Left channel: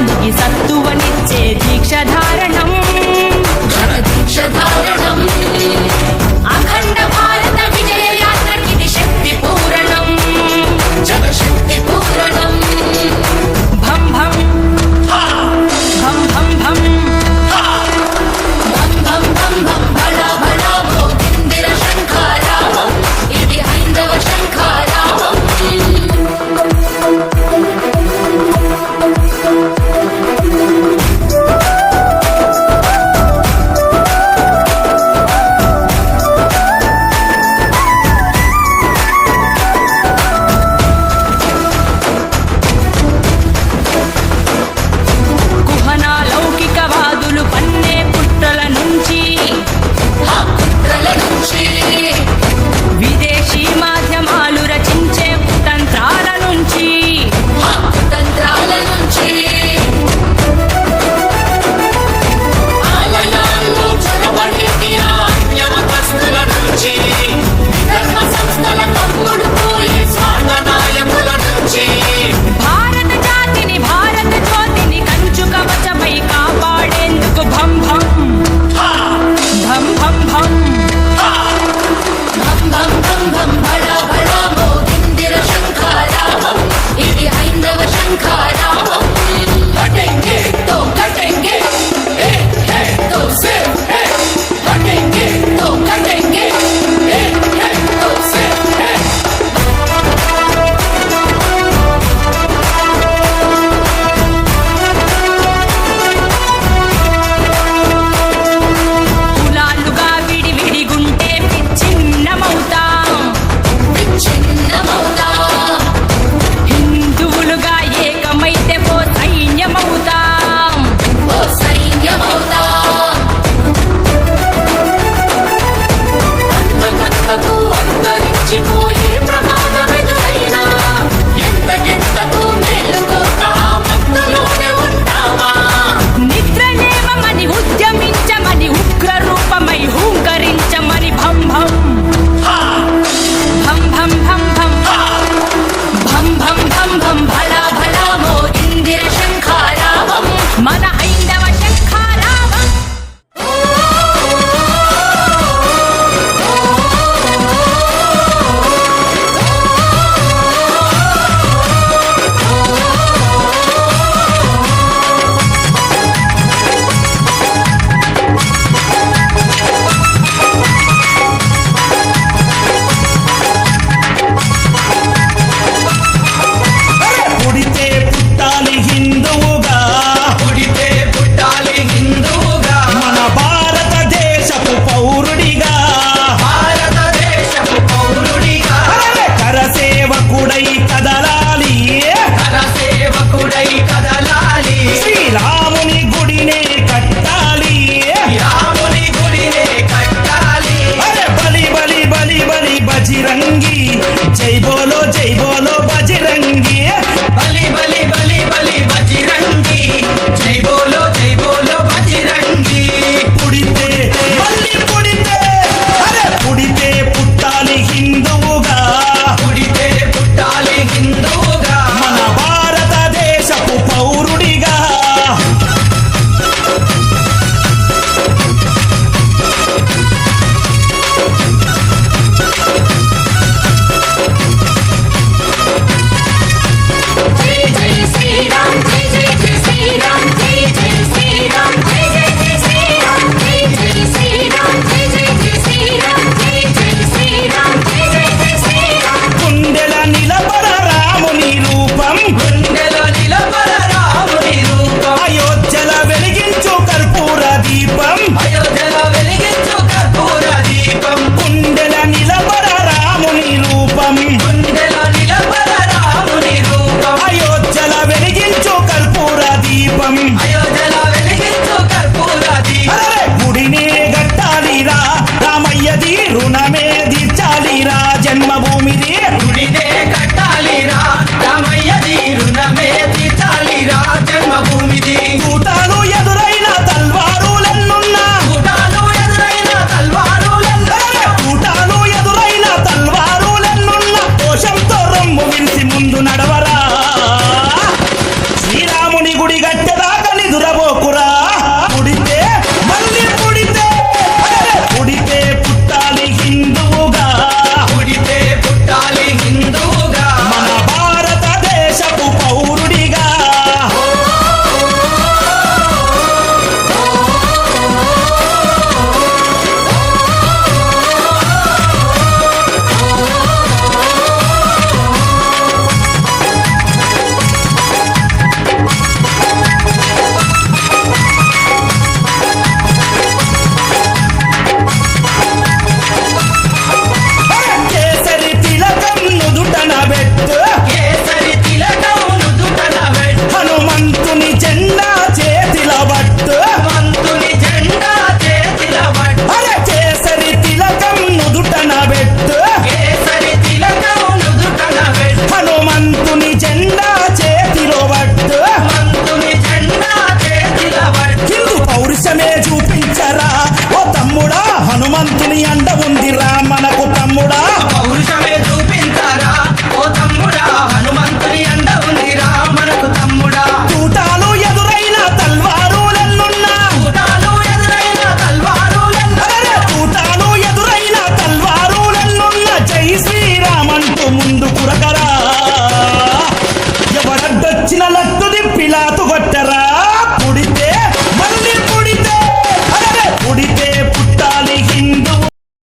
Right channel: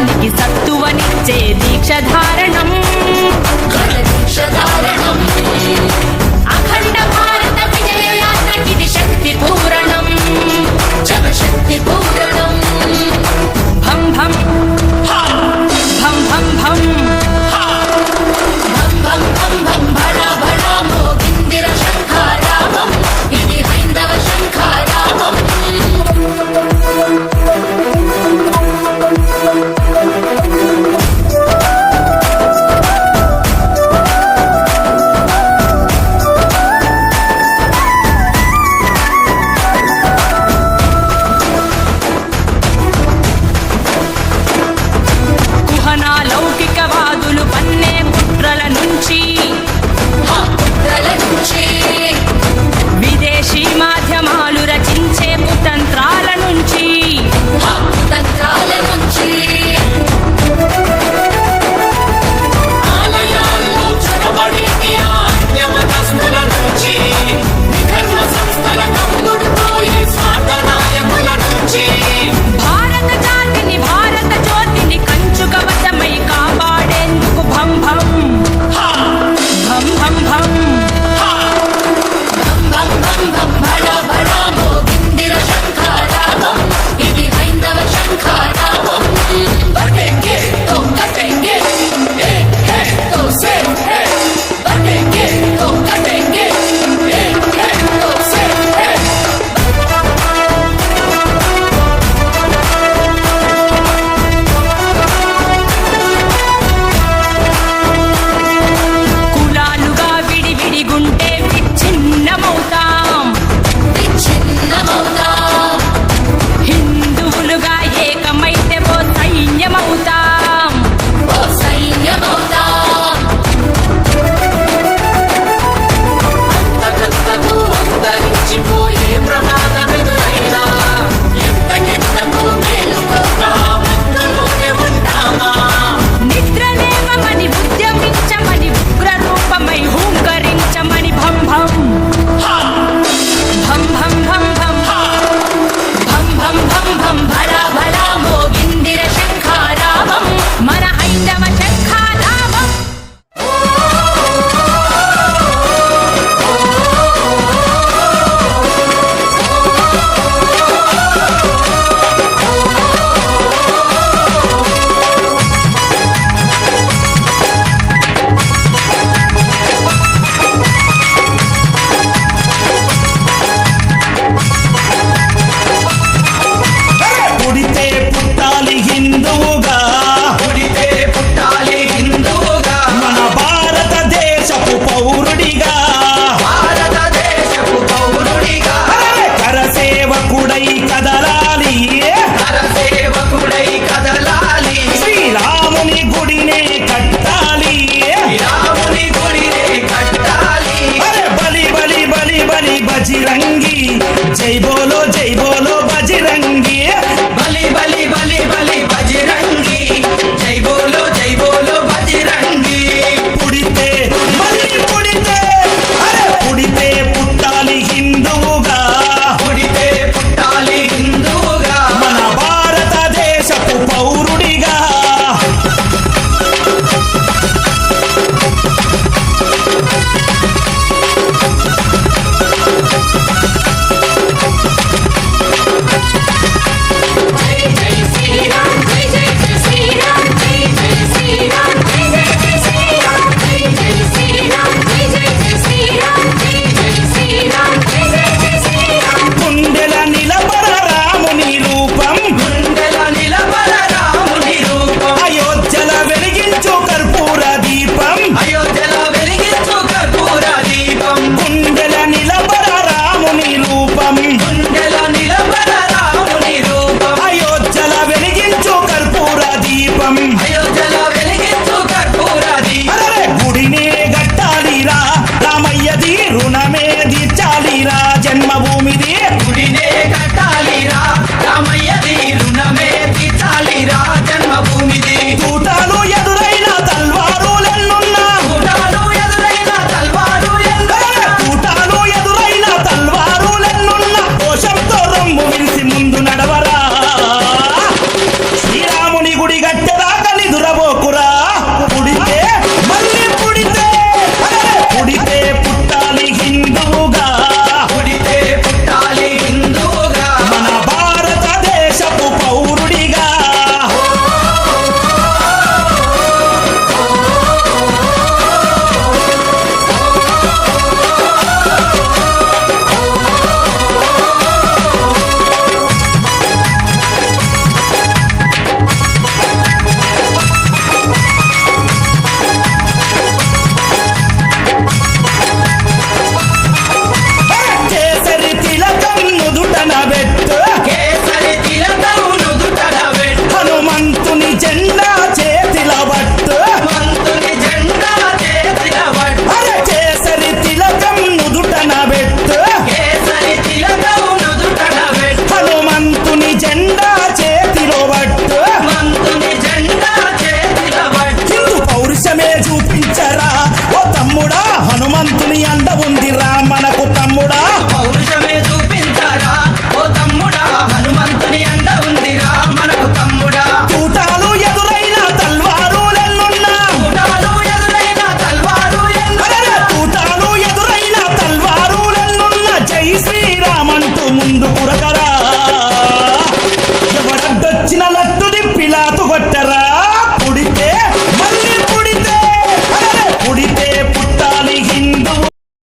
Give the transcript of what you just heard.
ధర్మానికి సత్తువనిచ్చే దీక్షధారణం అఖండ భారత విజయయాత్రకిది శక్తి పూరణం జనశక్తి పూరణం భం భం భం భం భం భం భం భం భం భళ భళ మోగిందిర శంఖారావం ఇది హైందవ శంఖారావం విదేశీ మాధ్యమాలు రచించే కుతంత్రాల నుంచి ఆలయాల్లో చొరబడి అన్యమతస్థుల నుంచి విధర్మ సంస్థల కమ్ముడుపోయి స్వార్థ నాయకుల నుంచి భారత జాతిని భారత జ్యోతిని కంచు కవచమై కాపాడేందుకు భం భం భం భం భం భం భం భం భళ భళ మోగిందిర శంఖారావం ఇది హైందవ శంఖారావం బటెంగే తో కటెంగే ఏ హై తో సే హై బటెంగే తో కటెంగే ఏ హై తో సే హై కులాలుగా విడివిడిగుంటే విచ్ఛిన్నమవుతాం హిందువులుగా ఏకమైతే ఓ సైన్యమవుతాం అంతకంతకు అంతరించిపోయే ప్రమాదమెదురైనా ఎంతకెంతకు మేలుకొద్దాం అందులోనే ఉంటామా నిద్రలేవమని ఉద్యమించమని ఉగ్ర రూపమై హూంకరించమని భం భం భం భం భం భం భం భం భం భం భళ భళ మోగిందిర శంఖారావం మన హైందవ శంఖారావం పుడితే పుట్టాలి హిందువుగా మన భారతదేశపు పౌరుడిగా అరెరే! కరసేవకుడై కదలాలి శ్రీరాముని గుడినే కట్టాలి అరే బలి బలి బలి బలి బజిరంగి జై బోలో బజిరంగి బలి బలి బలి బలి బజిరంగి జై బోలో బజిరంగి పుడితే మళ్ళీ పుడితే అరే పుడితే పుట్టాలి హిందువుగా పుడితే పుట్టాలి హిందువుగా మన భారతదేశపు పౌరుడిగా జై జై శ్రీరామ్ జై జై జై శ్రీరామ్ జై జై శ్రీరామ్ జై జై జై శ్రీరామ్ జై జై శ్రీరామ్ జై జై జై శ్రీరామ్ జై జై శ్రీరామ్ జై జై జై శ్రీరామ్ గుండెల నిలబడ రాముని రూపం గుండెలో నిలబడ రాముని రూపం అయోధ్యల వెలిగించు కర్పూర దీపం అయోధ్యలో వెలిగించు కర్పూర దీపం గుండెల నిలబడ రాముని రూపం గుండెలో నిలబడ రాముని రూపం అయోధ్యల వెలిగించు కర్పూర దీపం అయోధ్యలో వెలిగించు కర్పూర దీపం అరే గుడినే గట్టాలిరా రామయ్యది రుణమే తీర్చాలిరా జన్మభూమిది గుడినే కట్టాలిరా రామయ్యది రుణమే తీర్చాలిరా జన్మభూమిది తూటాలు ఎదురైన తల్వారులెన్నున్నా గుడాలు ఎదురైన తల్వారులెన్నో తూటాలు ఎదురైన తల్వారులెన్నున్నా కోశంతో రొమ్ము విరిసి ముందు నడవరా శ్రీరాముని గుడి గట్టె జెండా చేతిల పట్టు హనుమంతుని జెండా చేతిల పట్టు అరే కేసరి తిలకం నుదుటన పెట్టు కేసరి తిలకం నుదుటన పెట్టు హనుమంతుని జెండా చేతిలో పట్టు హనుమంతుని జెండా చేతిల పట్టు హిందూ పౌరుషమే చూపించరా ఓ తమ్ముడా హనుమంతుని అండ ఉందిరా మనకు తమ్ముడా పౌరుషమే చూపించారా ఓ తమ్ముడా హనుమంతుని అండ ఉందిరా మనకు తమ్ముడా తూటాలు ఎదురైన తల్వారులెన్నున్నా కూటాలు ఎదురైన తల్వారు అరే తూటాలు ఎదురైన తల్వారులెన్నున్నా జై శ్రీరామ్ అంటూ ముందు కురకరా ఎవడడ్డొచ్చిన లట్టు దిప్పిలాతు కొట్టరా